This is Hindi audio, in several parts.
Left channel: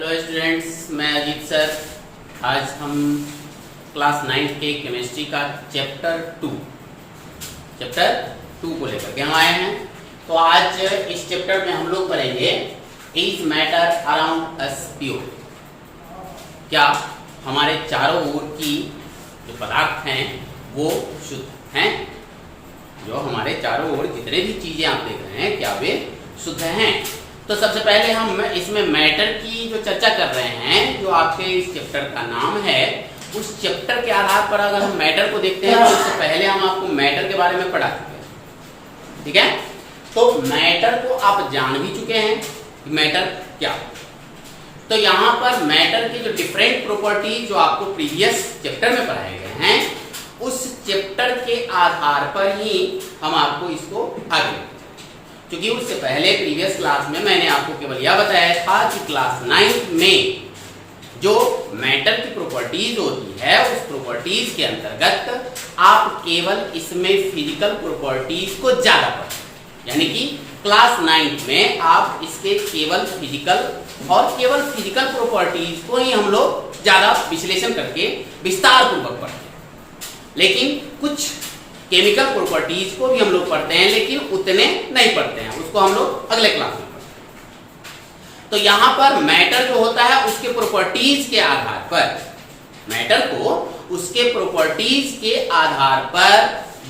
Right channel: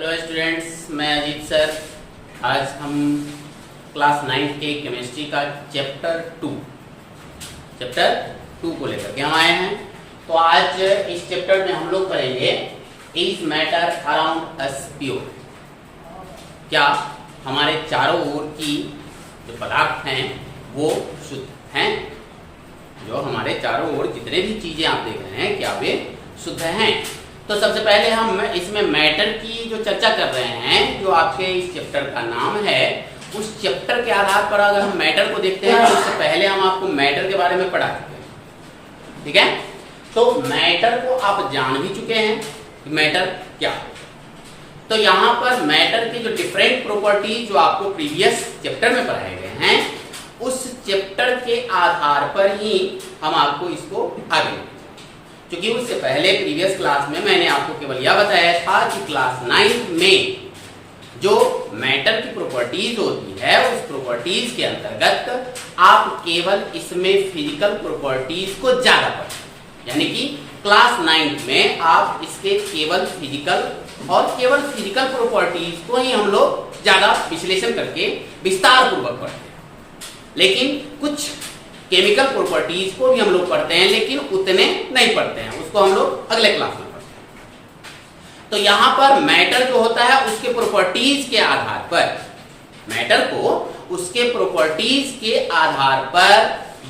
हेलो स्टूडेंट्स, मैं अजीत सर। आज हम क्लास 9 के केमिस्ट्री का चैप्टर 2 को लेकर के हम आए हैं। तो आज इस चैप्टर में हम लोग करेंगे is matter around us pure. क्या हमारे चारों ओर की जो पदार्थ हैं वो शुद्ध हैं? जो हमारे चारों ओर जितने भी चीजें आप देख रहे हैं क्या वे शुद्ध हैं? तो सबसे पहले हम इसमें मैटर की जो चर्चा कर रहे हैं, जो आपके इस चैप्टर का नाम है, उस चैप्टर के आधार पर अगर हम मैटर को देखते हैं तो उससे पहले हम आपको मैटर के बारे में पढ़ा चुके हैं। ठीक है, तो मैटर को आप जान भी चुके हैं कि मैटर क्या है। तो यहाँ पर मैटर की जो डिफरेंट प्रॉपर्टी जो आपको प्रीवियस चैप्टर में पढ़ाए गए हैं, उस चैप्टर के आधार पर ही हम आपको इसको आगे, क्योंकि उससे पहले प्रीवियस क्लास में मैंने आपको केवल यह बताया था कि क्लास 9 में जो मैटर की प्रॉपर्टीज होती है, उस प्रॉपर्टीज के अंतर्गत आप केवल इसमें फिजिकल प्रॉपर्टीज को ज्यादा पढ़ें। यानी कि क्लास 9 में आप इसके केवल फिजिकल प्रॉपर्टीज को ही हम लोग ज्यादा विश्लेषण करके विस्तार पूर्वक पढ़ते हैं। लेकिन कुछ केमिकल प्रॉपर्टीज को भी हम लोग पढ़ते हैं, लेकिन उतने नहीं पढ़ते हैं, उसको हम लोग अगले क्लास में पढ़ते हैं। तो यहां पर मैटर जो होता है उसके प्रॉपर्टीज के आधार पर, मैटर को उसके प्रॉपर्टीज के आधार पर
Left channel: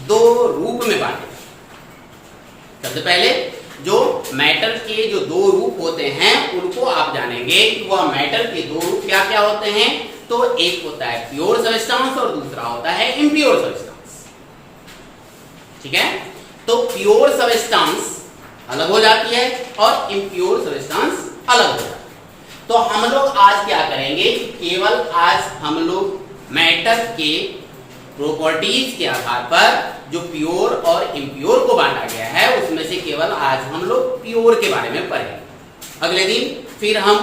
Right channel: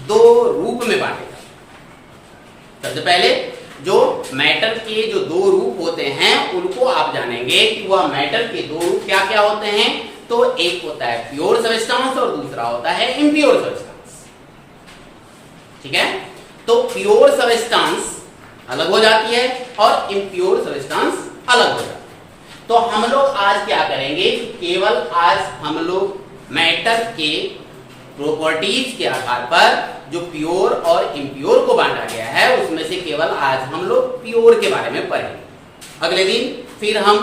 दो रूप में बांटे। सबसे पहले जो मैटर के जो दो रूप होते हैं उनको आप जानेंगे कि वह मैटर के दो रूप क्या क्या होते हैं। तो एक होता है प्योर सब्सटेंस और दूसरा होता है इम्प्योर सब्सटेंस। ठीक है, तो प्योर सब्सटेंस अलग हो जाती है और इम्प्योर सब्सटेंस अलग हो जाती है। तो हम लोग आज क्या करेंगे, केवल आज हम लोग मैटर के प्रॉपर्टीज के आधार पर जो प्योर और इम्प्योर को बांटा गया है उसमें से केवल आज हम लोग प्योर के बारे में पढ़ेंगे। अगले दिन फिर हम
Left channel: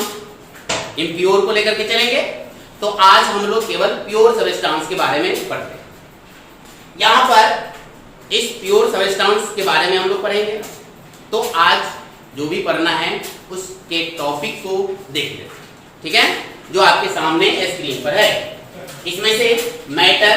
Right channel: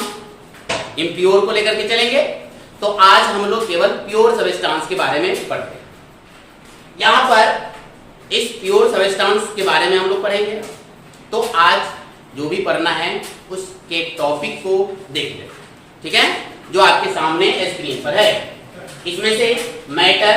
इम्प्योर को लेकर के चलेंगे। तो आज हम लोग केवल प्योर सब्सटेंस के बारे में पढ़ते हैं। यहां पर इस प्योर सब्सटेंस के बारे में हम लोग पढ़ेंगे। तो आज जो भी पढ़ना है उसके टॉपिक को देख लें। ठीक है, जो आपके सामने स्क्रीन पर है, इसमें से मैटर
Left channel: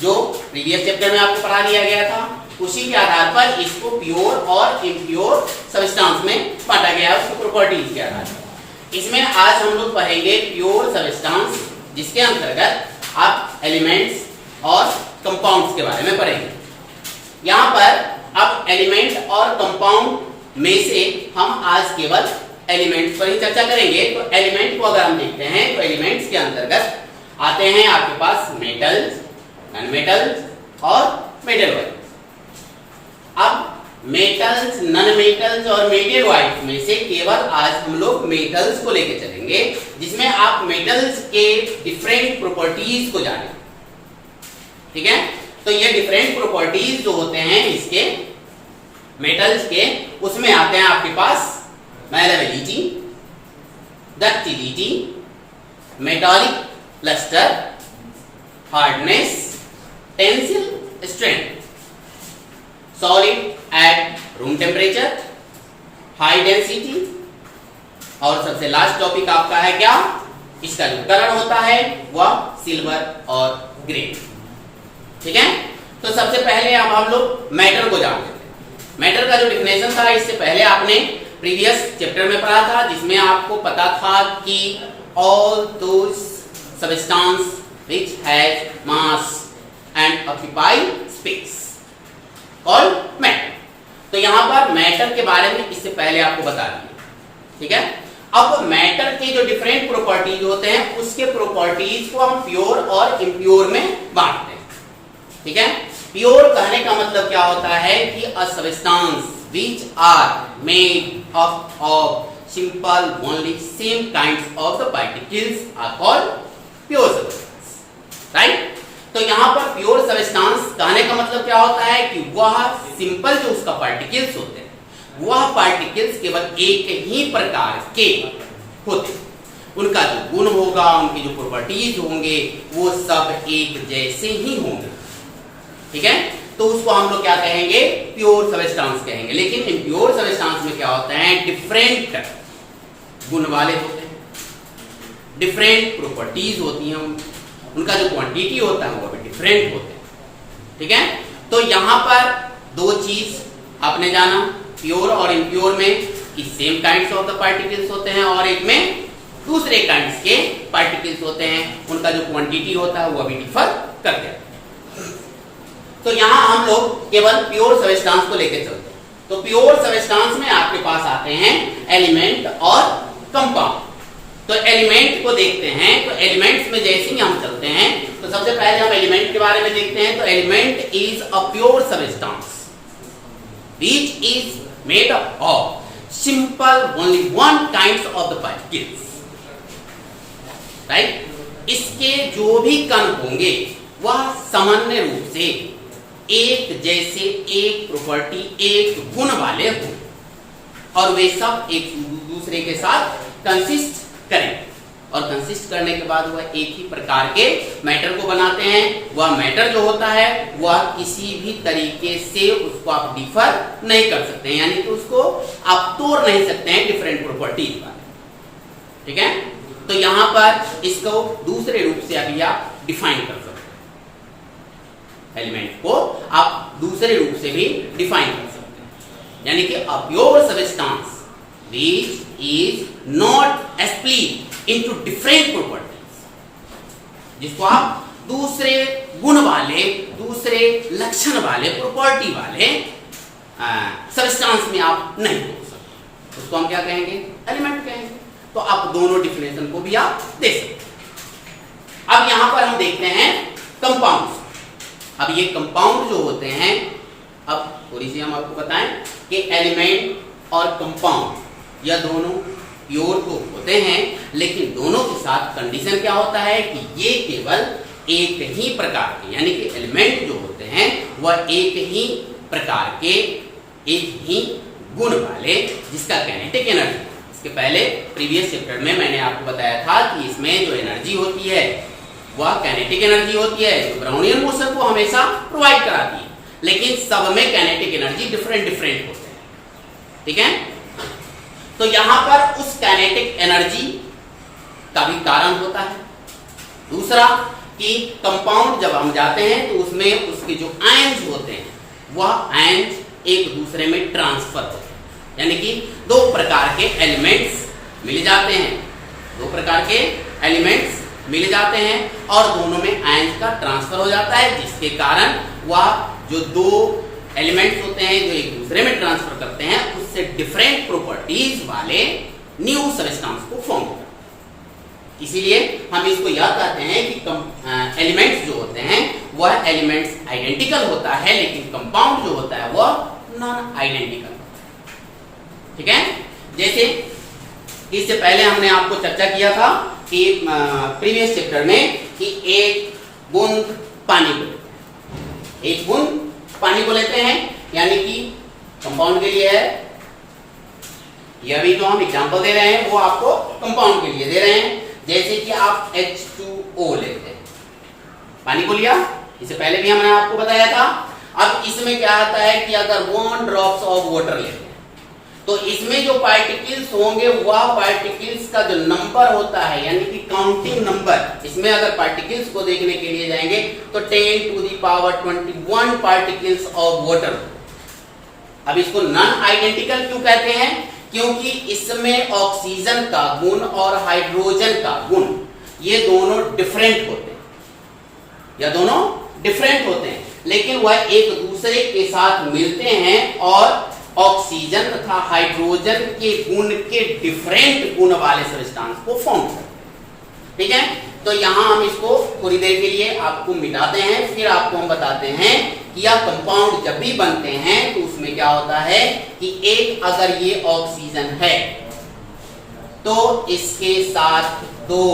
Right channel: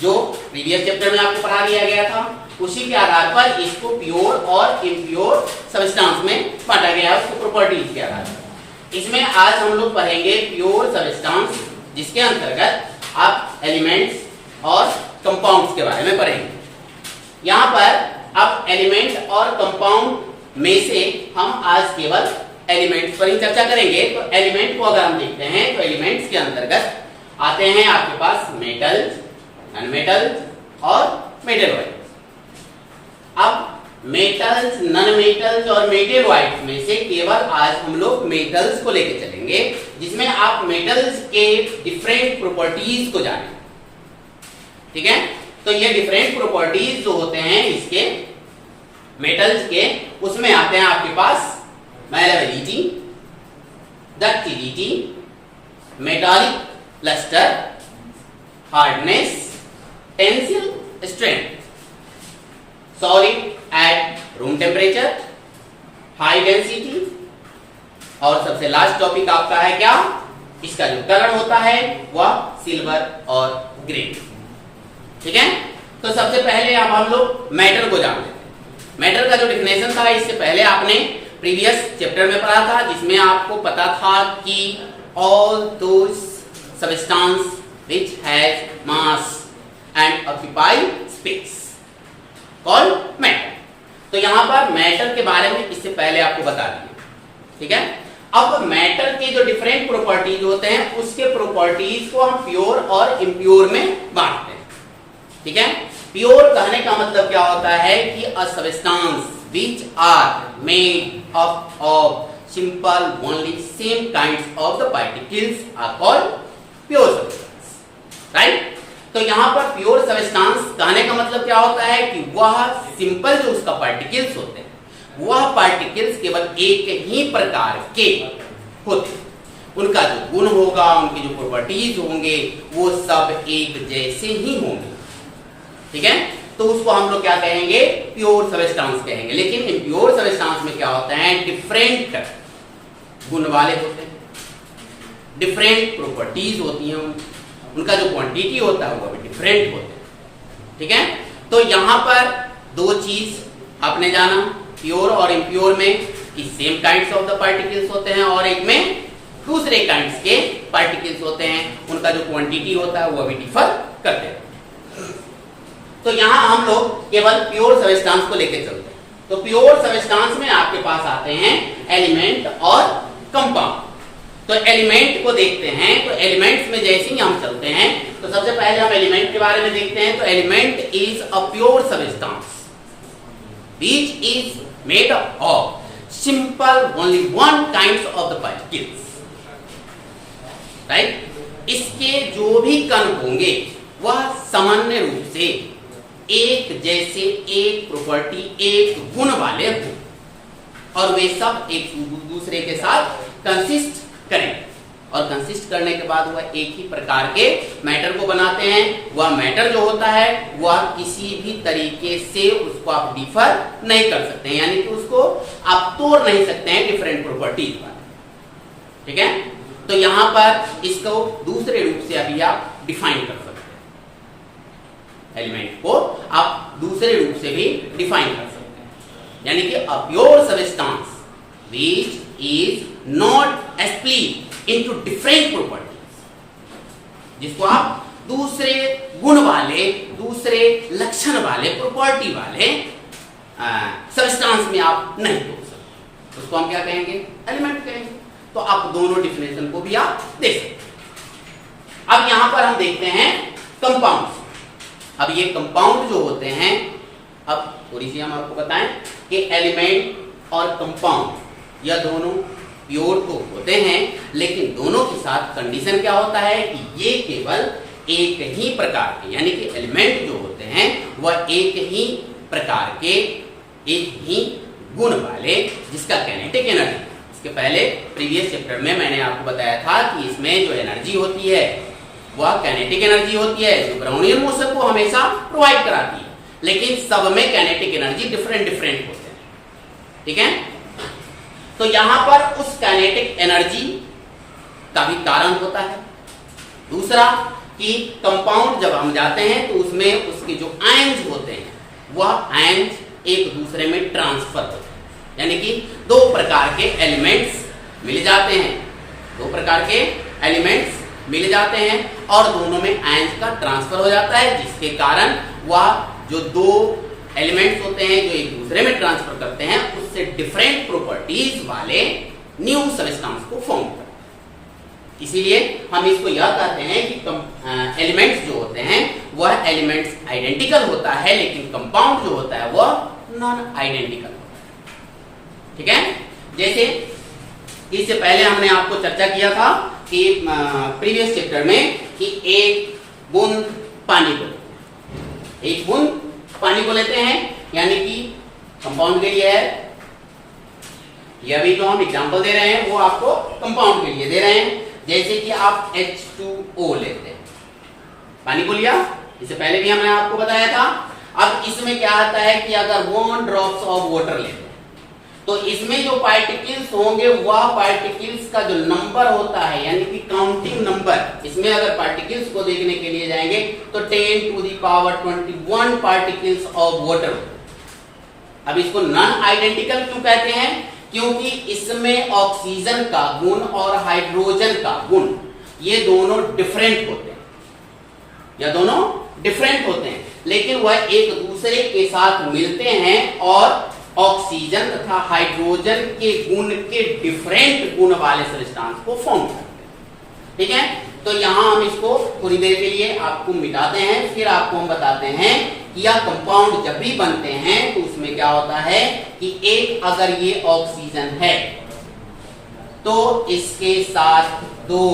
जो प्रीवियस चैप्टर में आपको पढ़ा दिया गया था, उसी के आधार पर इसको प्योर और इम्प्योर सब्सटेंस में बांटा गया है, उसकी प्रॉपर्टीज के आधार पर। इसमें आज हम लोग पढ़ेंगे प्योर सब्सटेंस, जिसके अंतर्गत आप एलिमेंट्स और कंपाउंड्स के बारे में पढ़ेंगे। यहां पर अब एलिमेंट और कंपाउंड में से हम आज केवल एलिमेंट्स पर ही चर्चा करेंगे। तो एलिमेंट को अगर हम देखते हैं तो एलिमेंट्स के अंतर्गत आते हैं आपके पास मेटल्स, नॉन-मेटल्स और मेटल वाइट्स। अब मेटल्स, नॉन मेटल्स और मेटल वाइट्स में से केवल आज हम लोग मेटल्स को लेकर चलेंगे, जिसमें आप मेटल्स के डिफरेंट प्रॉपर्टीज को जानेंगे। ठीक है, तो ये डिफरेंट प्रॉपर्टीज जो होते हैं इसके मेटल्स के, उसमें आते हैं आपके पास malleability, ductility, metallic lustre, hardness, tensile strength, solid at room temperature, high density, और सबसे लास्ट टॉपिक आपका है क्या, इसका जो कलर होता है वह सिल्वर और ग्रे। ठीक है, तो सबसे पहले अब हम लोग मैटर को जानते हैं। मैटर का जो डिफिनेशन था इससे पहले आपने प्रीवियस चैप्टर में पढ़ा था, जिसमें आपको पता था कि all those substance which has mass and occupy space called matter. तो यहां पर मैटर के बारे में इससे पहले आपको बता दिया। ठीक है, अब मैटर के जो डिफरेंट प्रॉपर्टीज होते हैं उसके प्रॉपर्टीज को हम प्योर और इम्प्योर में बांटते हैं। ठीक है, प्योर कहने का मतलब क्या होता है कि a substance which are made up of simple only same kinds of the particles are called pure substance. Right, तो यहां पर प्योर सब्सटेंस कहने का मतलब क्या होता है कि वह सिंपल जो उसका पार्टिकल्स होते हैं, वह पार्टिकल्स केवल एक ही प्रकार के होते हैं। उनका जो गुण होगा, उनकी जो प्रॉपर्टीज होंगे, वो सब एक जैसे ही होंगे। ठीक है, तो उसको हम लोग क्या कहेंगे, प्योर सब्सटेंस कहेंगे। लेकिन इम्प्योर सब्सटेंस में क्या होता है, डिफरेंट गुण वाले होते हैं, डिफरेंट प्रॉपर्टीज होती हैं, उनका जो क्वांटिटी होता है वो भी डिफरेंट होते हैं। ठीक है, तो यहां पर दो चीज आपने जाना, प्योर और इम्प्योर में कि same kinds of the particles होते हैं और एक में दूसरे काइंड्स के पार्टिकल्स होते हैं, उनका जो क्वांटिटी होता है वो भी डिफर करते हैं। तो यहां हम लोग केवल प्योर सब्सटेंस को लेकर चलते हैं। तो प्योर सब्सटेंस में आपके पास आते हैं एलिमेंट और कंपाउंड। तो एलिमेंट को देखते हैं, तो एलिमेंट्स में जैसे ही हम चलते हैं तो सबसे पहले हम एलिमेंट के बारे में देखते हैं। तो element is a pure substance which is made of simple only one kinds of the particles, right. इसके जो भी कण होंगे वह सामान्य रूप से एक जैसे, एक प्रॉपर्टी, एक गुण वाले हों और वे सब एक दूसरे के साथ कंसिस्ट करें और कंसिस्ट करने के बाद वह एक ही प्रकार के मैटर को बनाते हैं। वह मैटर जो होता है वह किसी भी तरीके से उसको आप डिफर नहीं कर सकते हैं, यानी कि उसको आप तोड़ नहीं सकते हैं डिफरेंट प्रॉपर्टीज वाले। ठीक है, तो यहां पर इसको दूसरे रूप से अभी आप डिफाइन कर सकते हैं, एलिमेंट को आप दूसरे रूप से भी डिफाइन कर सकते हैं, यानी कि a pure substance which is not split into different properties, जिसको आप दूसरे गुण वाले, दूसरे लक्षण वाले, प्रॉपर्टी वाले सब्सटेंस में आप नहीं तोड़ सकते, उसको हम क्या कहेंगे, एलिमेंट कहेंगे। तो आप दोनों डिफिनेशन को भी आप दे सकते हैं। अब यहां पर हम देखते हैं कंपाउंड। अब ये कंपाउंड जो होते हैं, अब थोड़ी सी हम आपको बताएं कि एलिमेंट और कंपाउंड यह दोनों प्योर तो होते हैं, लेकिन दोनों के साथ कंडीशन क्या होता है कि ये केवल एक ही प्रकार के, यानी कि एलिमेंट जो होते हैं वह एक ही प्रकार के, एक ही गुण वाले, जिसका काइनेटिक एनर्जी, इसके पहले प्रीवियस चैप्टर में मैंने आपको बताया था कि इसमें जो एनर्जी होती है वह काइनेटिक एनर्जी होती है जो ब्राउनियन मोशन को हमेशा प्रोवाइड कराती है, लेकिन सब में काइनेटिक एनर्जी डिफरेंट डिफरेंट होते हैं। ठीक है, तो यहां पर उस काइनेटिक एनर्जी का भी कारण होता है। दूसरा कि कंपाउंड जब हम जाते हैं तो उसमें उसके जो आयन्स होते हैं वह आयन्स एक दूसरे में ट्रांसफर होते हैं, यानी कि दो प्रकार के एलिमेंट्स मिल जाते हैं, दो प्रकार के एलिमेंट्स मिल जाते हैं और दोनों में आयन्स का ट्रांसफर हो जाता है, जिसके कारण वह जो दो एलिमेंट्स होते हैं जो एक दूसरे में ट्रांसफर करते हैं उससे डिफरेंट प्रॉपर्टीज वाले न्यू सब्सटेंस को फॉर्म करते हैं। इसीलिए हम इसको यह कहते हैं कि एलिमेंट्स जो होते हैं वह एलिमेंट्स आइडेंटिकल होता है, लेकिन कंपाउंड जो होता है वह नॉन आइडेंटिकल होता है। ठीक है, जैसे इससे पहले हमने आपको चर्चा किया था कि प्रीवियस चैप्टर में कि एक बूंद पानी को लेते हैं, एक बूंद पानी को लेते हैं, यानी कि कंपाउंड के लिए है, यह भी जो हम एग्जांपल दे रहे हैं वो आपको कंपाउंड के लिए दे रहे हैं। जैसे कि आप H2O लेते हैं, पानी को लिया, इससे पहले भी हमने आपको बताया था। अब इसमें क्या आता है कि अगर 1 ड्रॉप्स ऑफ वाटर लेते हैं तो इसमें जो पार्टिकल्स होंगे वह पार्टिकल्स का जो नंबर होता है, यानी कि काउंटिंग नंबर, इसमें अगर पार्टिकल्स को देखने के लिए जाएंगे तो 10 to the power 21 particles of water. अब इसको नॉन आइडेंटिकल क्यों कहते हैं? क्योंकि इसमें ऑक्सीजन का गुण और हाइड्रोजन का गुण ये दोनों डिफरेंट होते हैं, या दोनों डिफरेंट होते हैं, लेकिन वह एक दूसरे के साथ मिलते हैं और ऑक्सीजन तथा हाइड्रोजन के गुण के डिफरेंट गुण वाले सब्सटेंस को फॉर्म करते हैं। ठीक है, तो यहां हम इसको थोड़ी देर के लिए आपको मिटाते हैं, फिर आपको हम बताते हैं कि यह कंपाउंड जब भी बनते हैं तो उसमें क्या होता है कि एक अगर ये ऑक्सीजन है तो इसके साथ 2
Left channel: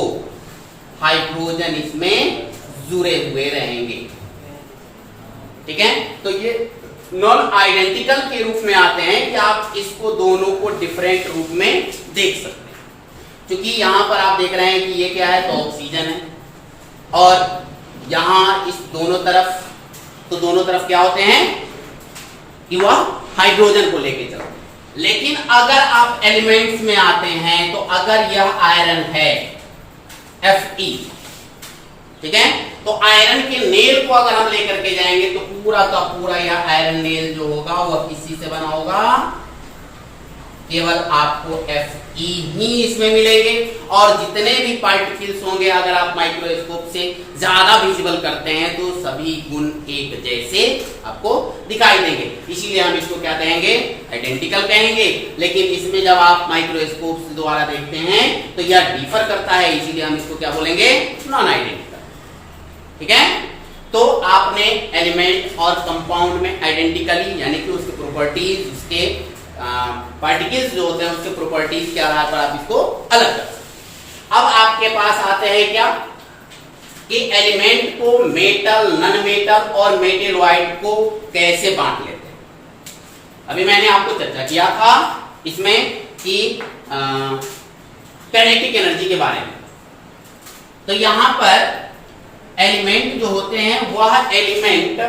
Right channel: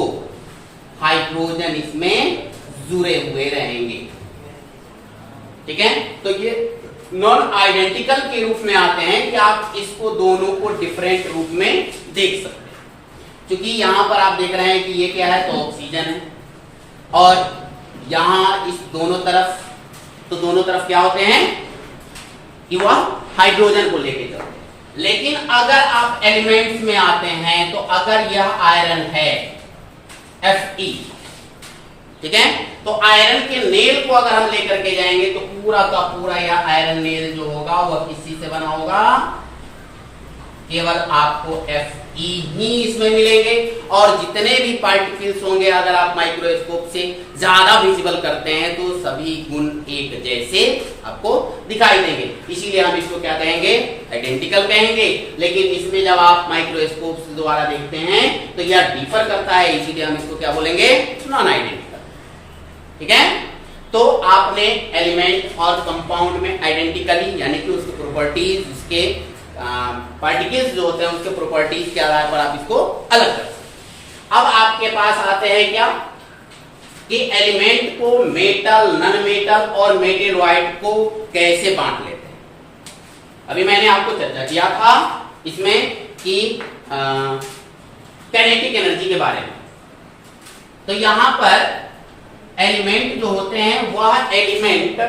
हाइड्रोजन इसमें जुड़े हुए रहेंगे। ठीक है, तो ये नॉन आइडेंटिकल के रूप में आते हैं कि आप इसको दोनों को डिफरेंट रूप में देख सकते हैं। क्योंकि यहां पर आप देख रहे हैं कि ये क्या है, तो ऑक्सीजन है, और यहां इस दोनों तरफ, तो दोनों तरफ क्या होते हैं कि वह हाइड्रोजन को लेके चलते हैं। लेकिन अगर आप एलिमेंट्स में आते हैं तो अगर यह आयरन है Fe, ठीक है, तो आयरन के नेल को अगर हम लेकर के जाएंगे तो पूरा का पूरा यह आयरन नेल जो होगा वह किसी से बना होगा, केवल आपको Fe ही इसमें मिलेंगे। और जितने भी पार्टिकल्स होंगे अगर आप माइक्रोस्कोप से ज्यादा विजिबल करते हैं तो सभी गुण एक जैसे आपको दिखाई देंगे, इसीलिए हम इसको क्या कहेंगे, आइडेंटिकल कहेंगे। लेकिन इसमें जब आप माइक्रोस्कोप से द्वारा देखते हैं तो यह डिफर करता है, इसीलिए हम इसको क्या बोलेंगे, नॉन आइडेंटिकल। ठीक है, तो आपने एलिमेंट और कंपाउंड में आइडेंटिकली यानी कि उसके प्रॉपर्टीज, उसके पार्टिकल्स जो होते हैं उसके प्रॉपर्टीज के आधार पर आप इसको अलग कर सकते हैं। अब आपके पास आते हैं क्या कि एलिमेंट को मेटल, नॉन मेटल और मेटेलॉइड को कैसे बांट लेते हैं। अभी मैंने आपको चर्चा किया था इसमें कि काइनेटिक एनर्जी के बारे में। तो यहां पर एलिमेंट जो होते हैं वह एलिमेंट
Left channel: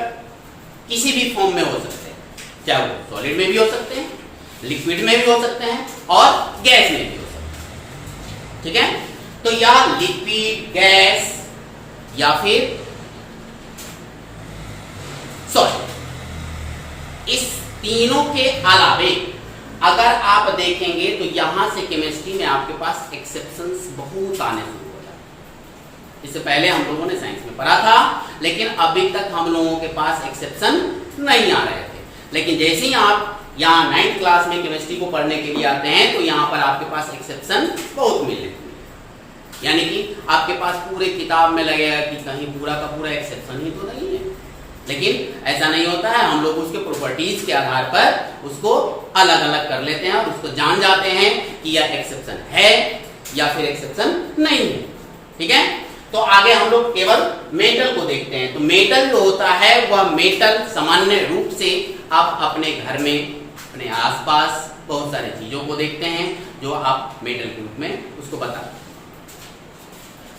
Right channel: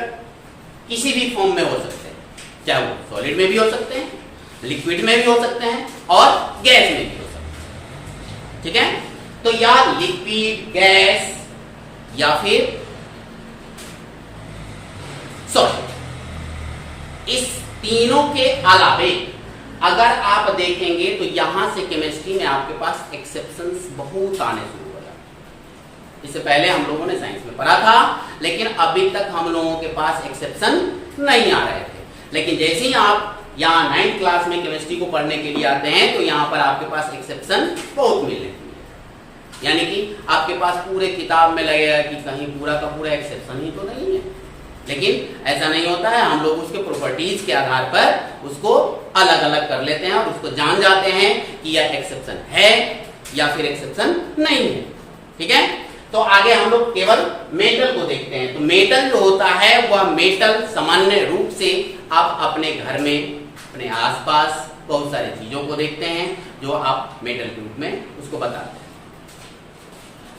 किसी भी फॉर्म में हो सकते हैं, चाहे वो सॉलिड में भी हो सकते हैं, लिक्विड में भी हो सकते हैं और गैस में भी हो सकते हैं। ठीक है, तो या लिक्विड, गैस या फिर सॉलिड, इस तीनों के अलावे अगर आप देखेंगे तो यहां से केमिस्ट्री में आपके पास एक्सेप्शंस बहुत आने शुरू हो जाते हैं। इससे पहले हम लोगों ने साइंस में पढ़ा था, लेकिन अभी तक हम लोगों के पास एक्सेप्शन नहीं आ रहे थे। लेकिन जैसे ही आप यहाँ 9th क्लास में केमिस्ट्री को पढ़ने के लिए आते हैं तो यहाँ पर आपके पास एक्सेप्शन बहुत मिलने लगती है, यानी कि आपके पास पूरे किताब में लगेगा कि कहीं पूरा का पूरा एक्सेप्शन ही तो नहीं है। लेकिन ऐसा नहीं होता है, हम लोग उसके प्रॉपर्टीज के आधार पर उसको अलग अलग कर लेते हैं और उसको जान जाते हैं कि यह एक्सेप्शन है या फिर एक्सेप्शन नहीं है। ठीक है, तो आगे हम लोग केवल मेटल को देखते हैं। तो मेटल जो होता है वह मेटल सामान्य रूप से आप अपने घर में, अपने आसपास बहुत सारी चीजों को देखते हैं जो आप मेटल के रूप में उसको बताते हैं।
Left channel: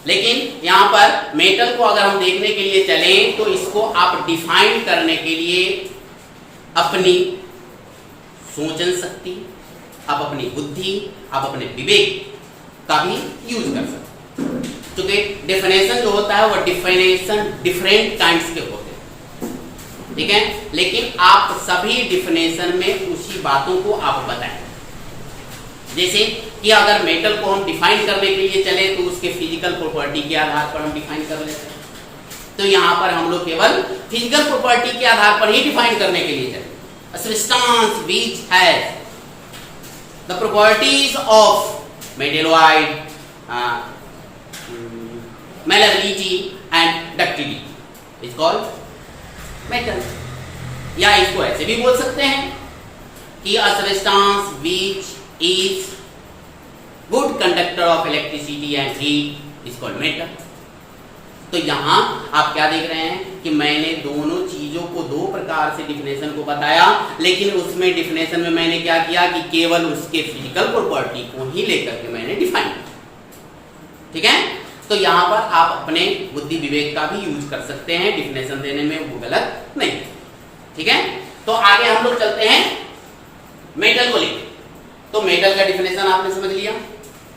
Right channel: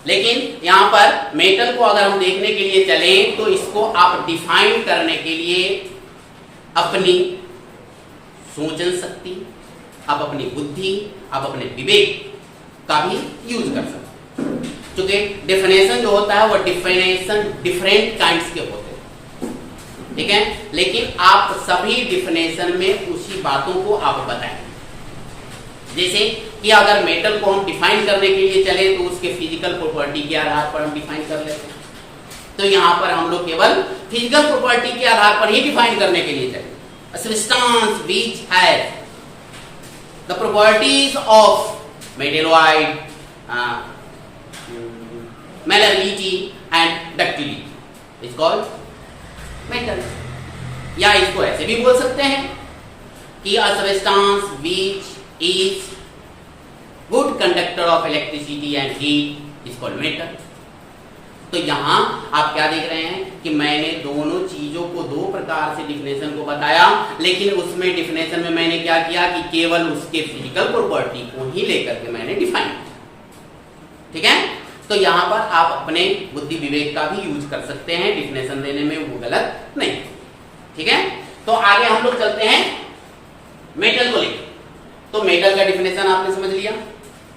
लेकिन यहां पर मेटल को अगर हम देखने के लिए चलें तो इसको आप डिफाइन करने के लिए अपनी सोचन शक्ति, आप अपनी बुद्धि, आप अपने विवेक का भी यूज कर सकते हैं। क्योंकि डेफिनेशन जो होता है वह डेफिनेशन डिफरेंट काइंड्स के होते हैं, ठीक है, लेकिन आप सभी डिफिनेशन में उसी बातों को आप बताएं। जैसे कि अगर मेटल को हम डिफाइन करने के लिए चले तो उसके फिजिकल प्रॉपर्टी के आधार पर हम डिफाइन कर लेते हैं। तो यहां पर हम लोग केवल फिजिकल प्रॉपर्टी के आधार पर ही डिफाइन करने के लिए चले। A substance which has the properties of metalloid, malleability and ductility is called metal। या इसको ऐसे भी बोल सकते हैं कि a substance which is good conductor of electricity and heat is called metal। तो यहां आप क्या देख रहे हैं कि मैंने दोनों चीजों को दो प्रकार से डिफिनेशन को बताया, लेकिन उसमें डिफिनेशन में मैंने क्या किया कि केवल उसके फिजिकल प्रॉपर्टी को ही लेकर के मैंने डिफाइन किया। ठीक है, तो यहां पर आप अपने बुद्धि विवेक का भी यूज कर सकते हैं, डिफिनेशन देने में वो गलत नहीं। ठीक है, तो आगे हम लोग चलते हैं मेटल को लेकर। तो मेटल का डिफिनेशन आपने समझ लिया।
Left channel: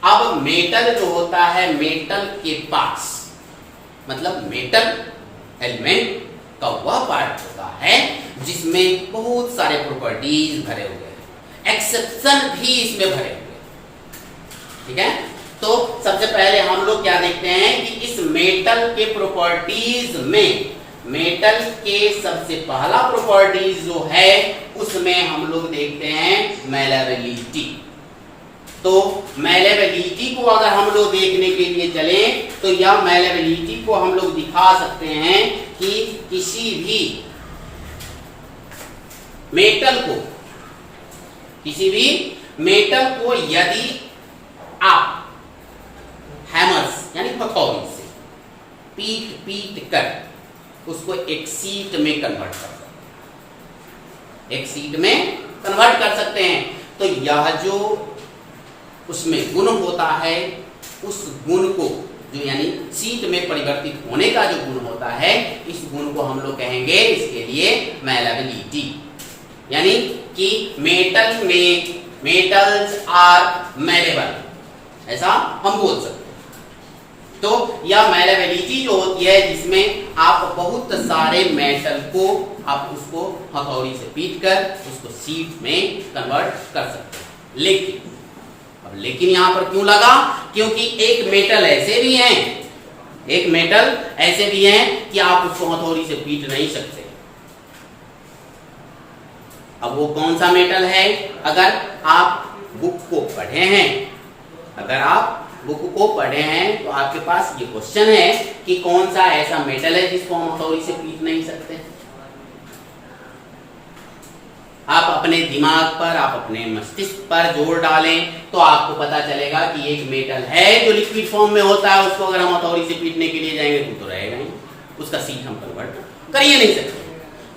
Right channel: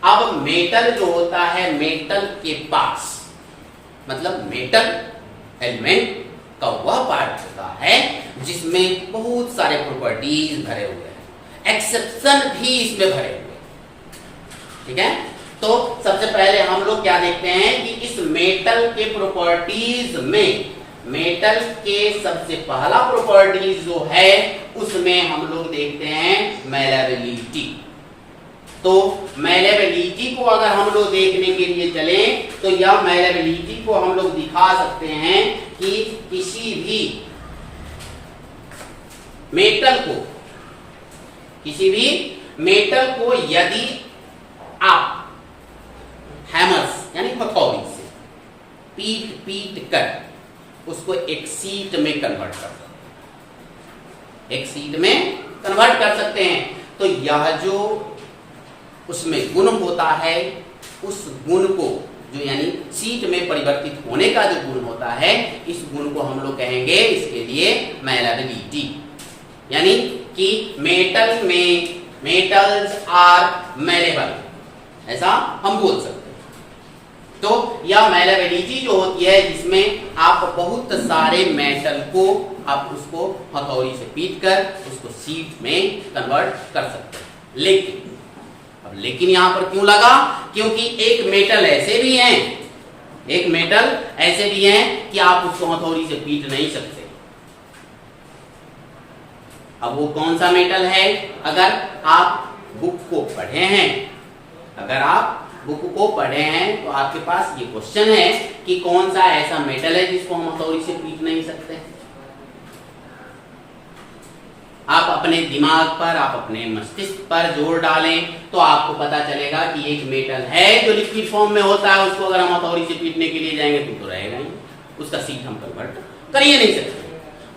अब मेटल जो होता है, मेटल के पास मतलब मेटल एलिमेंट का वह पार्ट होता है जिसमें बहुत सारे प्रॉपर्टीज भरे हुए हैं, एक्सेप्शन भी इसमें भरे हुए हैं। ठीक है, तो सबसे पहले हम लोग क्या देखते हैं कि इस मेटल के प्रॉपर्टीज में, मेटल के सबसे पहला प्रॉपर्टीज जो है उसमें हम लोग देखते हैं मैलेबिलिटी। तो मैलेबिलिटी को अगर हम लोग देखने के लिए चलें तो यह मैलेबिलिटी को हम लोग दिखा सकते हैं कि किसी भी मेटल को यदि आप हैमर्स यानी हथौड़ी से पीट कर उसको एक शीट में कन्वर्ट कर सकते हैं, एक शीट में कन्वर्ट कर सकते हैं। तो यह जो उसमें गुण होता है, उस गुण को जो यानी शीट में परिवर्तित होने का जो गुण होता है, इस गुण को हम लोग कहेंगे इसके लिए मैलेबिलिटी। यानी कि मेटल में मेटल्स आर मैलेबल, ऐसा हम बोल सकते हैं। तो यह मैलेबिलिटी जो होती है जिसमें आप बहुत सारे मेटल को आप उसको हथौड़ी से पीट कर उसको शीट में कन्वर्ट कर सकते हैं। लेकिन यहां पर क्यों लगा? क्योंकि एक मेटल ऐसे भी हैं कि आप उसको हथौड़ी से पीट नहीं सकते। अब वो कौन सा मेटल है? अगर आप बुक को पढ़े हैं तो आपके पास ये क्वेश्चन है कि कौन सा ऐसा मेटल है जिसको हम हथौड़ी से पीट नहीं सकते। आप अपने दिमाग पर, आप अपने मस्तिष्क पर जोर डालें तो आपको पता चलेगा कि एक मेटल है जो लिक्विड फॉर्म में होता है, उसको अगर हम हथौड़ी से पीटने के लिए जाएंगे तो रहेगा ही, उसका सीट हम कन्वर्ट कर ही नहीं सकते।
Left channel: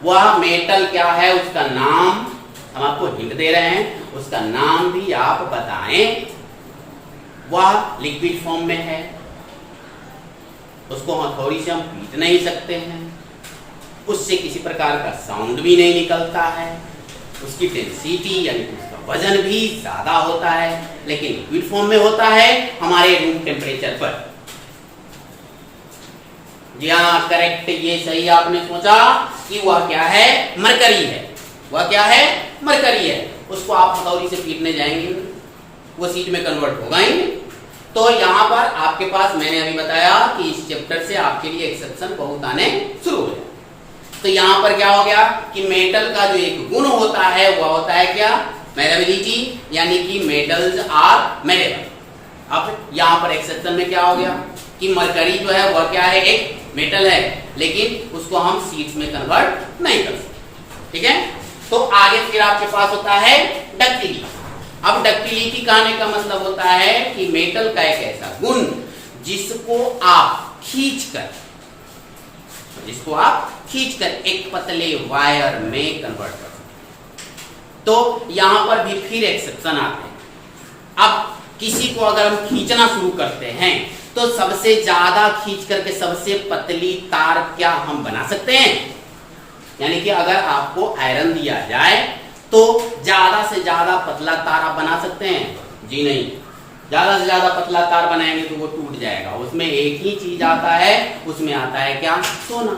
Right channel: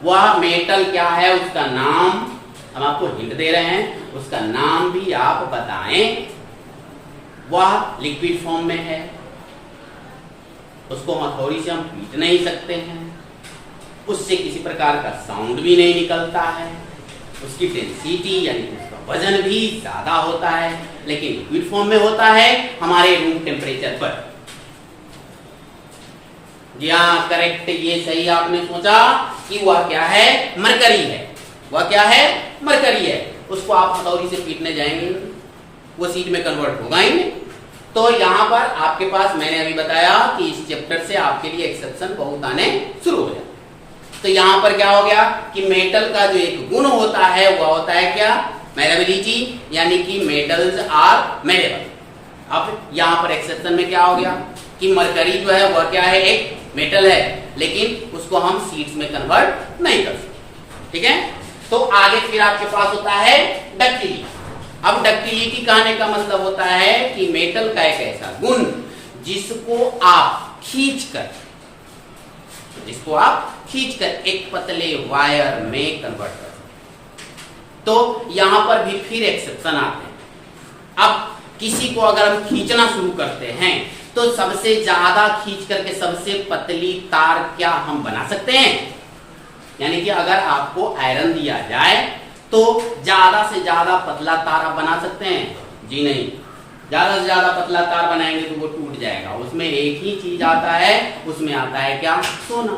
वह मेटल क्या है, उसका नाम हम आपको हिंट दे रहे हैं, उसका नाम भी आप बताएं। वह लिक्विड फॉर्म में है, उसको हथौड़ी से हम पीट नहीं सकते हैं, उससे किसी प्रकार का साउंड भी नहीं निकलता है, उसकी डेंसिटी यानी उसका वजन भी ज्यादा होता है, लेकिन लिक्विड फॉर्म में होता है हमारे रूम टेम्परेचर पर। जी हाँ, करेक्ट, ये सही आपने सोचा कि वह क्या है, मरकरी है। वह क्या है, मरकरी है। उसको आप हथौड़ी से पीटने जाएंगे वो सीट में कन्वर्ट होगा ही। तो यहाँ पर आपके पास मैंने अभी बताया कि इस चैप्टर से आपके लिए एक्सेप्शन बहुत आने शुरू हो जाए। तो यहाँ पर क्या हो गया कि मेटल का जो एक गुण होता है वह होता है क्या, मैलेबिलिटी, यानी कि मेटल्स आर मैलेबल। अब यहाँ पर एक्सेप्शन में क्या हो गया कि मरकरी जो है वह क्या है, एक मेटल है, लेकिन उसको हम सीड्स में कन्वर्ट नहीं कर सकते। ठीक है, तो आगे फिर आपके पास होता है डक्टिलिटी। अब डक्टिलिटी कहने का मतलब होता है कि मेटल का एक ऐसा गुण जिसको आप खींचकर एक पतले वायर में कन्वर्ट कर सकते। तो यहां पर भी फिर एक्सेप्शन आते हैं। अब किसी को अगर हम खींचना शुरू करते हैं तो सबसे ज्यादा खींच करके सबसे पतली तार क्या हम बना सकते हैं? यानी कि अगर आपको आयरन दिया जाए तो ज्यादा से ज्यादा पतला तार आप बना सकते हैं? जी नहीं, ज्यादा से ज्यादा पतला तार बनाएंगे तो वो टूट जाएगा। उसमें एक ही चीज आता है, उसमें आता है क्या, सोना।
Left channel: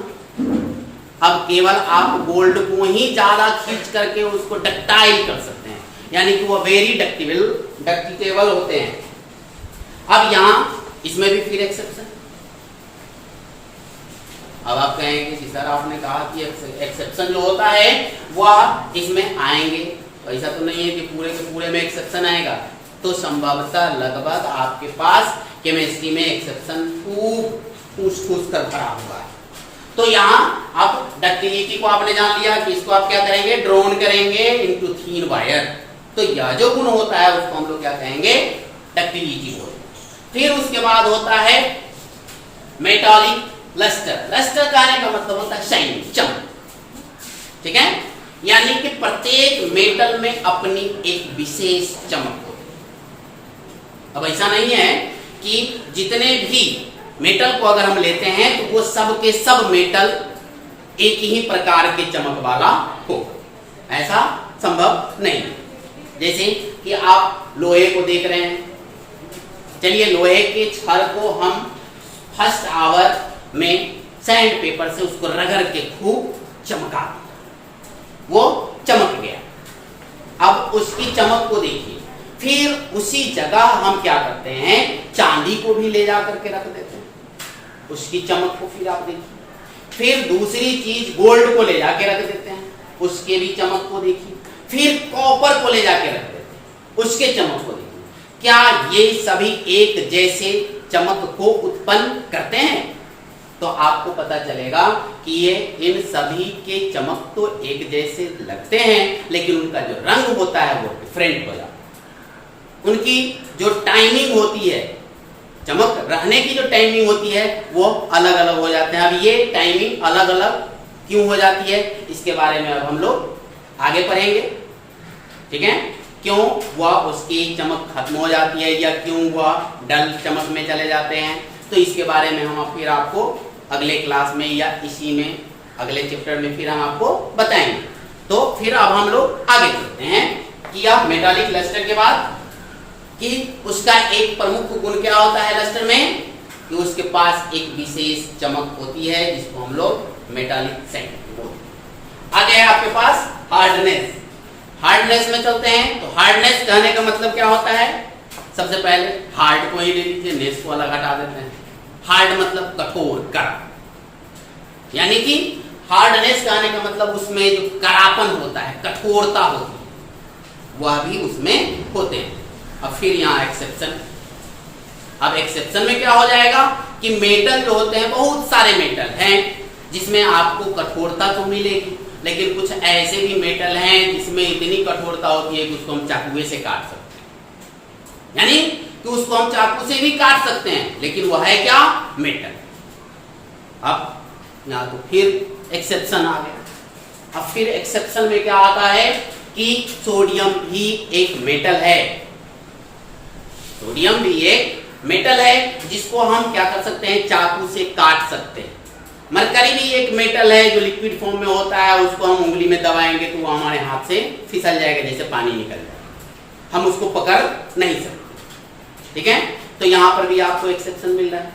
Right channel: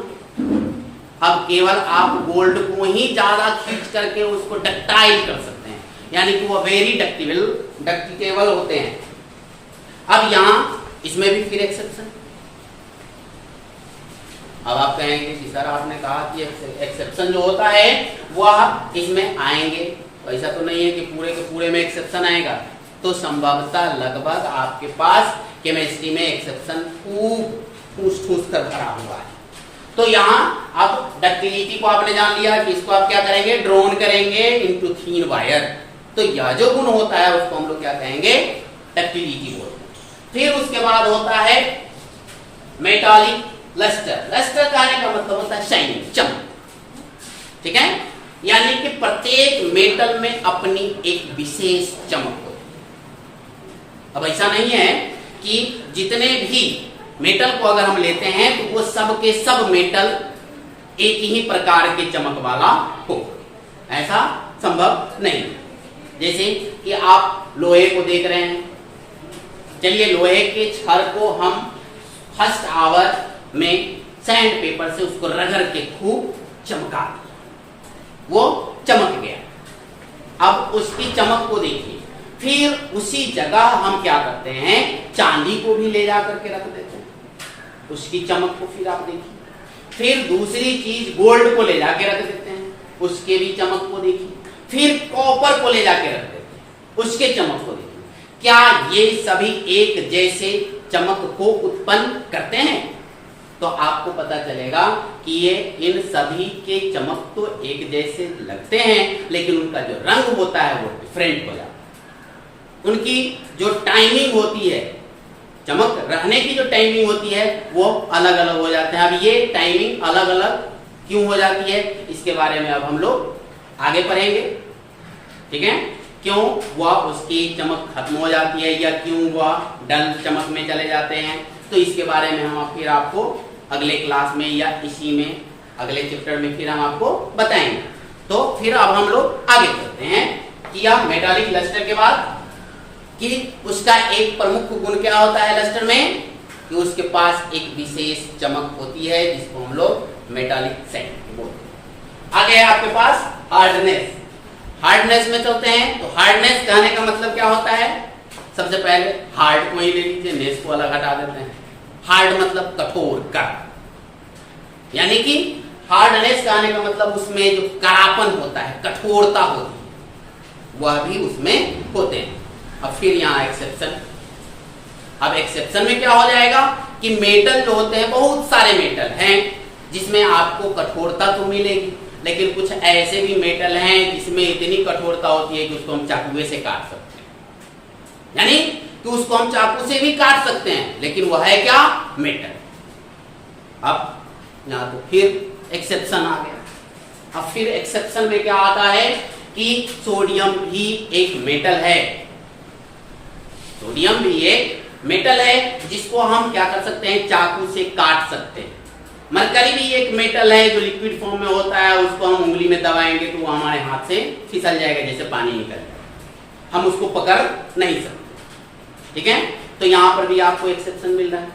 अब केवल आप गोल्ड को ही ज्यादा खींच करके उसको डक्टाइल कर सकते हैं, यानी कि वो वेरी डक्टिटेबल होते हैं। अब यहां इसमें भी फिर एक्सेप्शन। अब आप कहेंगे कि सर आपने कहा कि एक्सेप्शन जो होता है वह इसमें आएंगे, तो ऐसा तो नहीं है कि पूरे के पूरे में एक्सेप्शन आएगा। तो संभवतः लगभग आपके पास केमिस्ट्री में एक्सेप्शन ठूस कर भरा हुआ है। तो यहाँ आप डक्टिलिटी को आपने जान लिया कि इसको आप क्या करेंगे, ड्रोन करेंगे इनटू थीन वायर। तो यह जो गुण होता है उसको हम लोग क्या कहेंगे, डक्टिलिटी बोलते हैं। फिर उसके बाद होता है मेटालिक लस्टर। लस्टर कहने का मतलब होता है शाइनिंग, चमक। ठीक है, यानी कि प्रत्येक मेटल में अपनी एक विशेष चमक होती है। अब ऐसा नहीं है कि जितने भी मेटल को अगर हम लेते हैं तो वो सब के सब मेटल एक ही प्रकार के चमक वाला हो, ऐसा संभव नहीं। जैसे कि आप लोहे को देख रहे हैं, चलिए लोहे के छड़ को हम फर्स्ट आवर में सैंड पेपर से उसको रगड़ के खूब चमका दिया, वो चमक गया। अब उसकी चमक को देखिए, फिर उसी जगह हम क्या करते हैं, चांदी को भी ले जा करके रख देते हैं, उसकी चमक को फिर आप देखिए। फिर दूसरी चीज गोल्ड को ले जाके रख देते हैं, उसके भी चमक को देखिए। फिर कॉपर को ले जाके रख देते हैं, उसके चमक को देखिए। क्या ये सभी एक जैसे चमक को उत्पन्न करते हैं? तो आपको पता चलेगा कि ये इन सभी के चमक तो एक जैसे लगते हैं, लेकिन उनका जो रंग होता है वो डिफरेंट हो जाता है। उनकी जो टाइमिंग होती है, चमक रहने की जो टाइमिंग होती है वो अलग अलग हो जाते हैं। अब ये टाइमिंग अलग अलग क्यों हो जाती है, इसके बारे में अब हम लोग आगे पढ़ेंगे। ठीक है, क्यों वह उसकी चमक खत्म हो जाती है या क्यों वह डल चमक में चले जाते हैं, तो इसके बारे में हम फिर आपको अगले क्लास में या इसी में अगले चैप्टर में फिर हम आपको बताएंगे। तो फिर अब हम लोग आगे चलते हैं किया मेटालिक लस्टर के बाद कि उसका एक प्रमुख गुण क्या होता है लस्टर में, कि उसके पास एक विशेष चमक होती है जिसको हम लोग मेटालिक सेंट बोलते हैं। आगे है आपके पास हार्डनेस। हार्डनेस में चलते हैं तो हार्डनेस कहने का मतलब क्या होता है, सबसे पहले हार्ड को ही ले लीजिए, नेस को अलग हटा देते हैं। हार्ड मतलब कठोर, कड़ा, यानी कि हार्डनेस कहने का मतलब उसमें जो कड़ापन होता है, कठोरता होती है, वह भी उसमें होते हैं। अब फिर यहाँ एक्सेप्शन। अब एक्सेप्शन में क्या हो जाएगा कि मेटल जो होते हैं, बहुत सारे मेटल हैं जिसमें आपको कठोरता तो मिलेगी, लेकिन कुछ ऐसे भी मेटल हैं जिसमें इतनी कठोरता होती है कि उसको हम चाकू से काट सकते हैं, यानी कि उसको हम चाकू से भी काट सकते हैं, लेकिन वह है क्या, मेटल। अब यहाँ तो फिर एक्सेप्शन आ गया। अब फिर एक्सेप्शन में क्या आता है कि सोडियम भी एक मेटल है, सोडियम भी एक मेटल है जिसको हम क्या कर सकते हैं, चाकू से काट सकते हैं। मरकरी भी एक मेटल है जो लिक्विड फॉर्म में होता है, उसको हम उंगली में दबाएंगे तो वो हमारे हाथ से फिसल जाएगा, जैसे पानी निकल जाएगा, हम उसको पकड़ नहीं सकते। ठीक है, तो यहां पर भी आपको एक्सेप्शन मिल रहा है,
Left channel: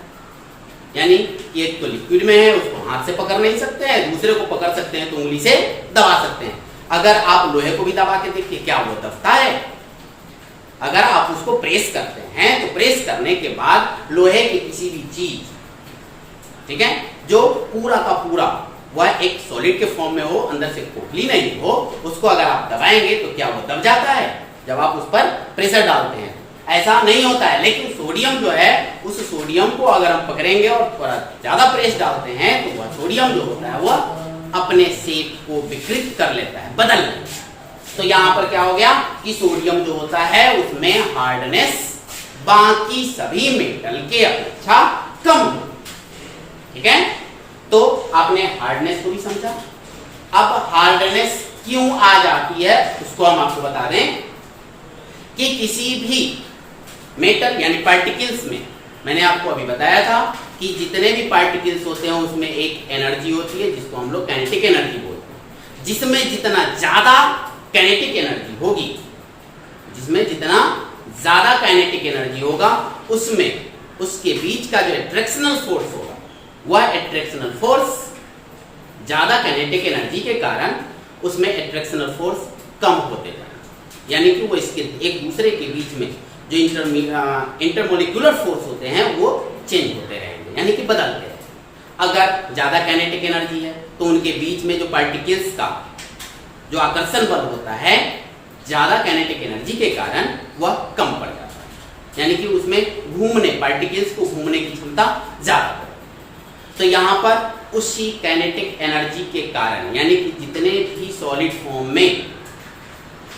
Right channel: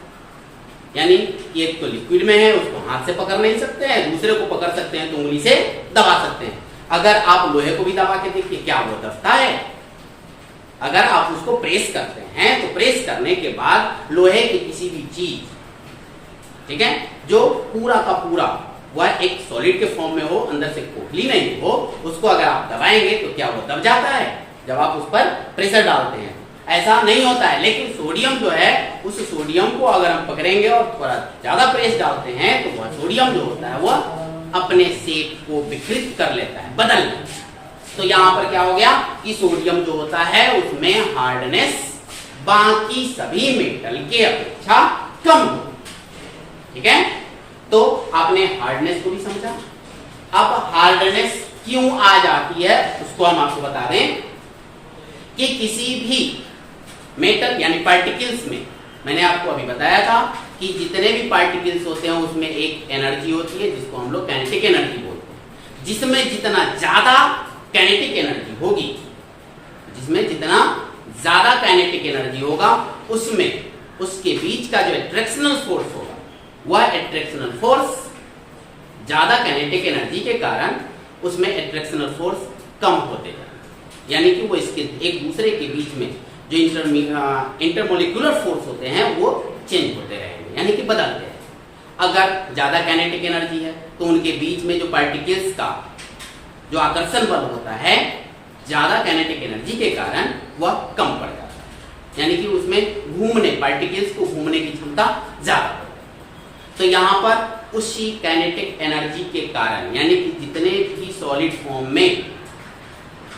यानी एक तो लिक्विड में है, उसको हाथ से पकड़ नहीं सकते हैं, दूसरे को पकड़ सकते हैं तो उंगली से दबा सकते हैं। अगर आप लोहे को भी दबा के देखिए क्या वो दबता है, अगर आप उसको प्रेस करते हैं तो प्रेस करने के बाद लोहे की किसी भी चीज, ठीक है, जो पूरा का पूरा वह एक सॉलिड के फॉर्म में हो, अंदर से खोखली नहीं हो, उसको अगर आप दबाएंगे तो क्या वो दब जाता है जब आप उस पर प्रेशर डालते हैं, ऐसा नहीं होता है। लेकिन सोडियम जो है, उस सोडियम को अगर हम पकड़ेंगे और थोड़ा ज्यादा प्रेस डालते हैं तो वह सोडियम जो होता है वह अपने शेप को विकृत कर लेता है, बदल लेता है। तो यहां पर क्या हो गया कि सोडियम जो होता है उसमें हार्डनेस बाकी सभी मेटल के अपेक्षा कम हो। ठीक है, तो आपने हार्डनेस को भी समझा। अब हार्डनेस क्यों आ जाती है उसको हम आपको बता दें कि किसी भी मेटल यानी पार्टिकल्स में, मैंने आपको अभी बताया था कि जितने भी पार्टिकल्स होते हैं उसमें एक एनर्जी होती है जिसको हम लोग काइनेटिक एनर्जी बोलते हैं। जिसमें जितना ज्यादा काइनेटिक एनर्जी होगी, जिसमें जितना ज्यादा काइनेटिक एनर्जी होगा, उसमें उसके बीच का जो एट्रैक्शनल फोर्स होगा, वह एट्रैक्शनल फोर्स ज्यादा काइनेटिक एनर्जी के कारण उसमें एट्रैक्शनल फोर्स कम होते जाएंगे, यानी कि वो इसके एक दूसरे के बीच में जो इंटरमोलिकुलर फोर्स होते हैं वो चेंज होते रहेंगे, यानी कि बदलते रहेंगे। अगर ज्यादा काइनेटिक एनर्जी है तो उनके बीच में जो पार्टिकल्स का जो आकर्षण बल होता है, ज्यादा काइनेटिक एनर्जी के कारण वह कम पड़ जाता है, यानी कि उसमें घूमने, पार्टिकल्स को घूमने की क्षमता ज्यादा पड़े। तो यहां पर उसी काइनेटिक एनर्जी के कारण, यानी कि जितने भी सॉलिड फॉर्म में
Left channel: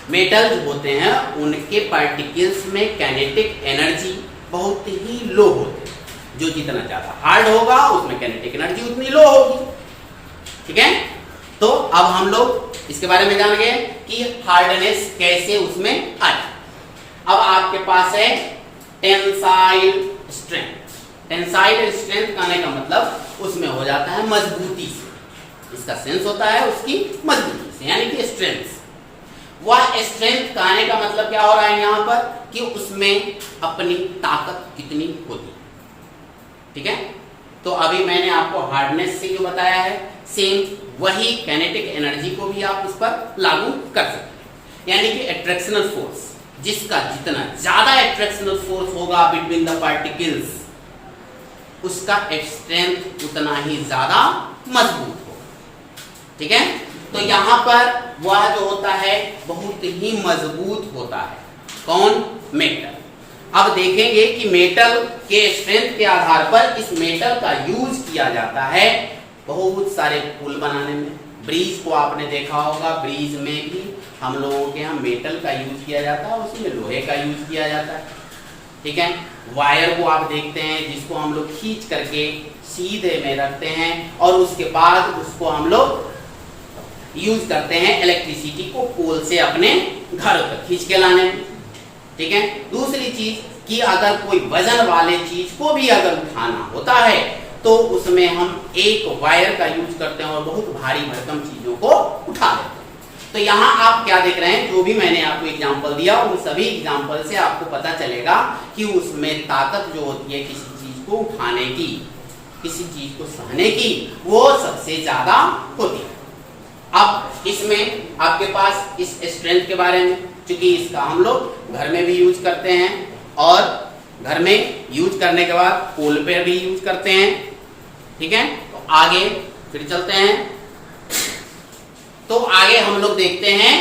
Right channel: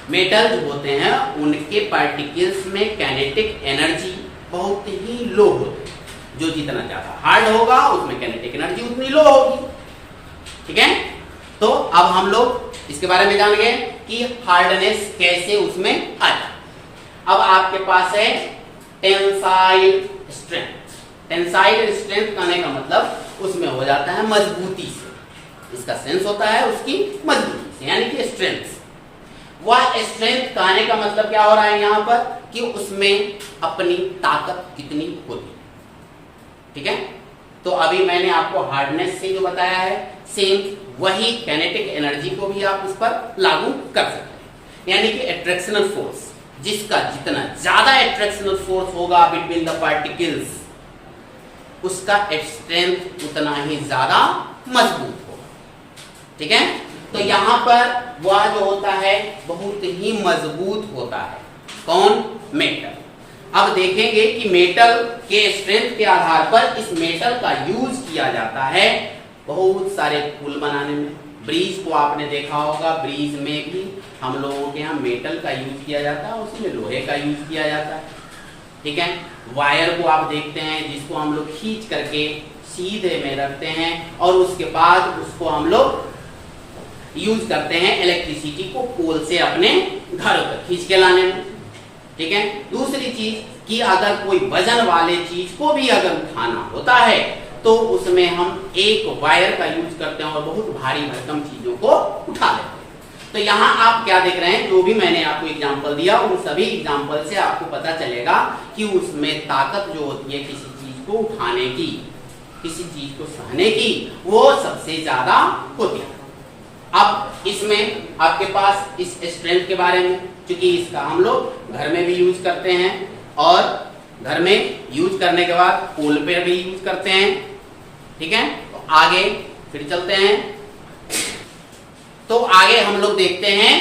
मेटल्स होते हैं उनके पार्टिकल्स में काइनेटिक एनर्जी बहुत ही लो होती है। जो जितना ज्यादा हार्ड होगा उसमें काइनेटिक एनर्जी उतनी लो होगी। ठीक है, तो अब हम लोग इसके बारे में जान गए कि हार्डनेस कैसे उसमें आ जाए। अब आपके पास है टेंसाइल स्ट्रेंथ। टेंसाइल स्ट्रेंथ कहने का मतलब उसमें हो जाता है मजबूती से, इसका सेंस होता है उसकी मजबूती से, यानी कि स्ट्रेंथ। वह स्ट्रेंथ कहने का मतलब क्या हो रहा है यहां पर कि उसमें अपनी ताकत कितनी होती है। ठीक है, तो अभी मैंने आपको हार्डनेस से जो बताया है, सेम वही काइनेटिक एनर्जी को भी आप उस पर लागू कर सकते हैं, यानी कि एट्रैक्शनल फोर्स, जिसका जितना ज्यादा एट्रैक्शनल फोर्स होगा बिटवीन द पार्टिकल्स, उसका स्ट्रेंथ उतना ही ज्यादा मजबूत होगा। ठीक है, तो यहां पर वह जो होता है बहुत ही मजबूत होता है। कौन? मेटल। अब देखेंगे कि मेटल के स्ट्रेंथ के आधार पर इस मेटल का यूज किया जाता है बहुत सारे पुल बनाने में। ब्रिज को आपने देखा होगा, ब्रिज में भी हम लोगों के यहाँ मेटल का यूज किया जाता है, उसमें लोहे का यूज किया जाता है। ठीक है, वायर को आप देखते हैं जिसको हम लोग खींच करके सीधे में रखते हैं और उसके बाद उसको हम लोग यूज करते हैं इलेक्ट्रिसिटी को पोल से अपने घर तक खींच के लाने में। ठीक है, दूसरी चीज कि अगर कोई वजन वाले चीज को भी अगर उठाना होता है तो उसमें हम एक वायर का यूज करते हैं और बहुत भारी भरकम चीजों को उठा लेते हैं। तो यहाँ आप क्या देख रहे हैं, जो भी मैंने आपको एग्जांपल दिया उन सभी एग्जांपल से आपको पता चलेगा कि उसमें ताकत जो होती है किसी चीज को उठाने की, किसी चीज को सहने की, वो सबसे ज्यादा होती है। अब इसमें आपके पास इस स्ट्रेंथ के बारे में, क्योंकि इसका हम लोग घर में भी यूज करते हैं और घर में यूज करने के बाद पोल पे भी यूज करते हैं, ठीक है। तो आगे फिर चलते हैं। तो आगे हम लोग देखते हैं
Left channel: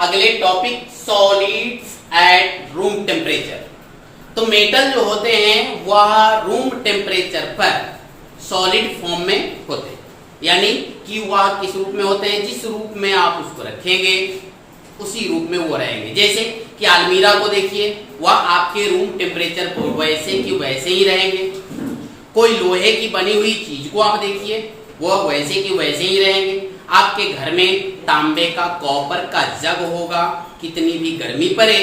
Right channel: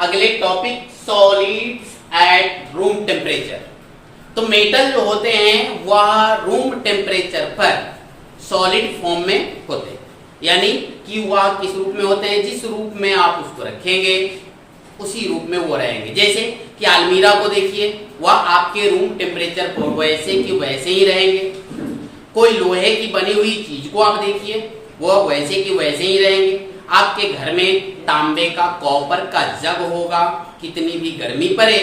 अगले topic, solids eight room temperature. तो मेटल जो होते हैं वह रूम टेम्परेचर पर सॉलिड फॉर्म में होते हैं, यानी कि वह किस रूप में होते हैं, जिस रूप में आप उसको रखेंगे उसी रूप में वो रहेंगे। जैसे कि अलमीरा को देखिए, वह आपके रूम टेम्परेचर पर वैसे कि वैसे ही रहेंगे। कोई लोहे की बनी हुई चीज को आप देखिए, वह वैसे कि वैसे ही रहेंगे। आपके घर में तांबे का, कॉपर का जग होगा, कितनी भी गर्मी पड़े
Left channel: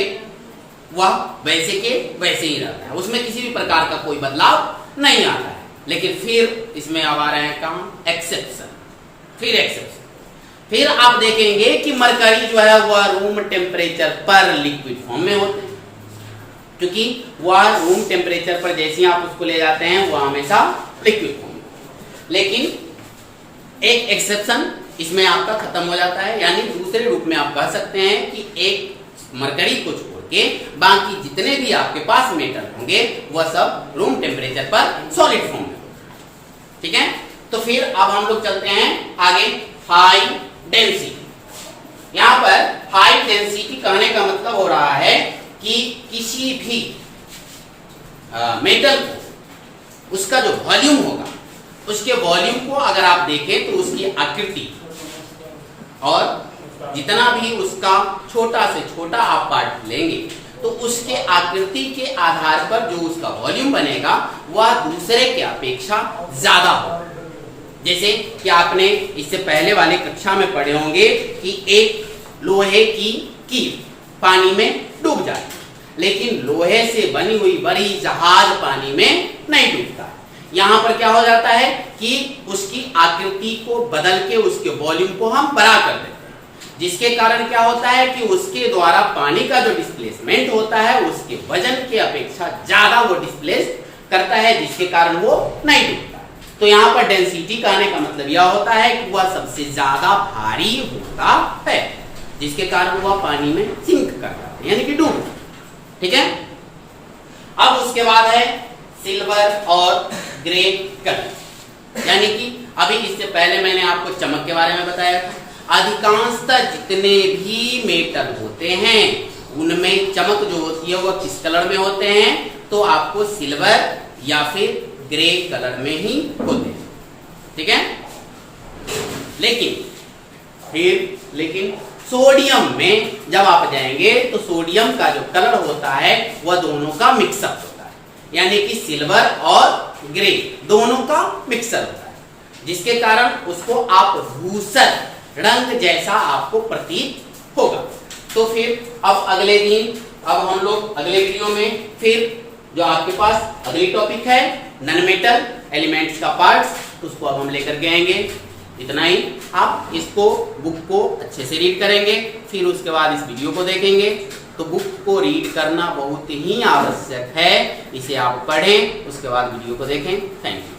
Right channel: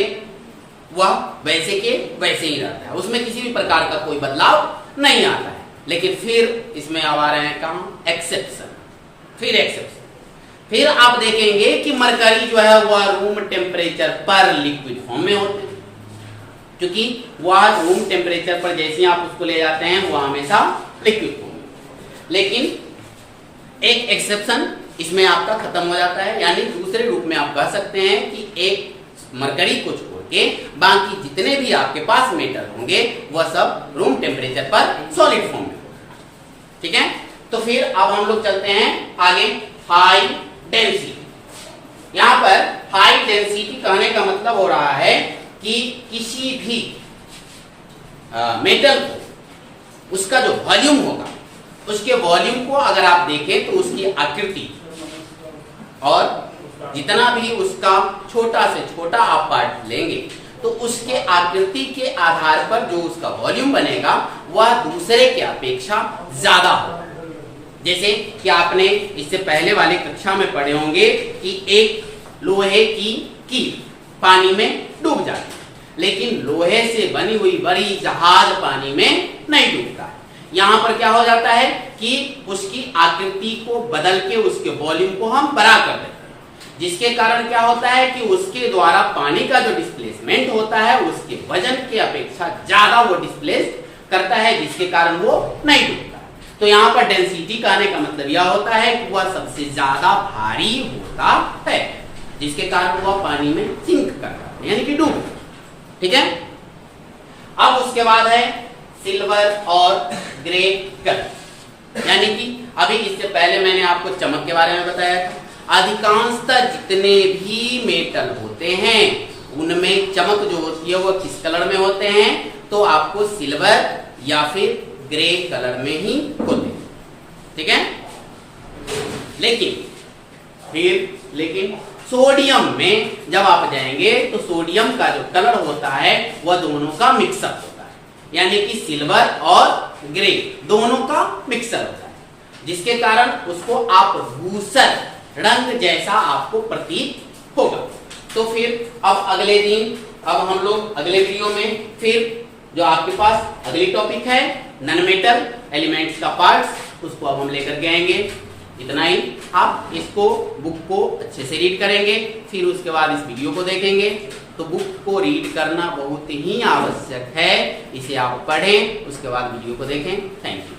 वह वैसे के वैसे ही रहता है, उसमें किसी भी प्रकार का कोई बदलाव नहीं आता है। लेकिन फिर इसमें अब आ रहे हैं कहाँ, एक्सेप्शन। फिर एक्सेप्शन, फिर आप देखेंगे कि मरकरी जो है वह रूम टेम्परेचर पर लिक्विड फॉर्म में होते हैं, क्योंकि वह रूम टेम्परेचर पर जैसे ही आप उसको ले जाते हैं वह हमेशा लिक्विड फॉर्म में। लेकिन एक एक्सेप्शन इसमें आपका खत्म हो जाता है, यानी दूसरे रूप में आप कह सकते हैं कि एक मरकरी को छोड़ के बाकी जितने भी आपके पास मेटल होंगे वह सब रूम टेम्परेचर पर सॉलिड फॉर्म में होगा, ठीक है। तो फिर अब हम लोग चलते हैं आगे, हाई डेंसिटी। यहां पर हाई डेंसिटी कहने का मतलब हो रहा है कि किसी भी मेटल को उसका जो वॉल्यूम होगा, उसके वॉल्यूम को अगर आप देखें तो उसकी आकृति और जितना भी उसका छोटा से छोटा आप पार्ट लेंगे तो उसके आकृति के आधार पर जो उसका वॉल्यूम बनेगा वह दूसरे के अपेक्षा ज्यादा होगा। जैसे कि आपने इससे पहले वाले कक्षा में पढ़े होंगे कि एक लोहे की कील पानी में डूब जाती है, लेकिन लोहे से बनी हुई बड़ी जहाज पानी में नहीं डूबता। यहां पर क्या हो जाता है कि उसकी आकृति को बदल के उसके वॉल्यूम को हम बड़ा कर देते हैं, जिसके कारण क्या होता है कि उसके द्वारा पानी का जो डिस्प्लेसमेंट होता है उसके वजन के अपेक्षा ज्यादा वो डिस्प्लेस करता है, जिसके कारण वो नहीं डूबता है। तो यहाँ पर डेंसिटी कहने का मतलब यह होता है कि वह सबसे ज्यादा भारी होता है, जिसके कारण वह पानी में सिंक कर जाता है, यानी कि डूब जाता है, ठीक है। अब उसके बाद है सिल्वर और ग्रे कलर, यानी कि अभी इससे पहले मैंने आपको चमक के बारे में बताया था। अधिकांशतः जितने भी मेटल होते हैं उनमें चमक जो होती है वो किस कलर में होते हैं, तो आपको सिल्वर या फिर ग्रे कलर में ही होते हैं, ठीक है। लेकिन सोडियम में जब आप जाएंगे तो सोडियम का जो कलर होता है वह दोनों का मिक्सअप होता है, यानी कि सिल्वर और ग्रे दोनों का मिक्सर होता है, जिसके कारण उसको आप धूसर रंग जैसा आपको प्रतीत होगा। तो फिर अब अगले दिन, अब हम लोग अगले वीडियो में फिर जो आपके पास अगली टॉपिक है नॉन मेटल एलिमेंट्स का पार्ट्स, उसको अब हम लेकर के आएंगे। इतना ही, आप इसको बुक को अच्छे से रीड करेंगे, फिर उसके बाद इस वीडियो को देखेंगे। तो बुक को रीड करना बहुत ही आवश्यक है, इसे आप पढ़ें, उसके बाद वीडियो को देखें। Thank you.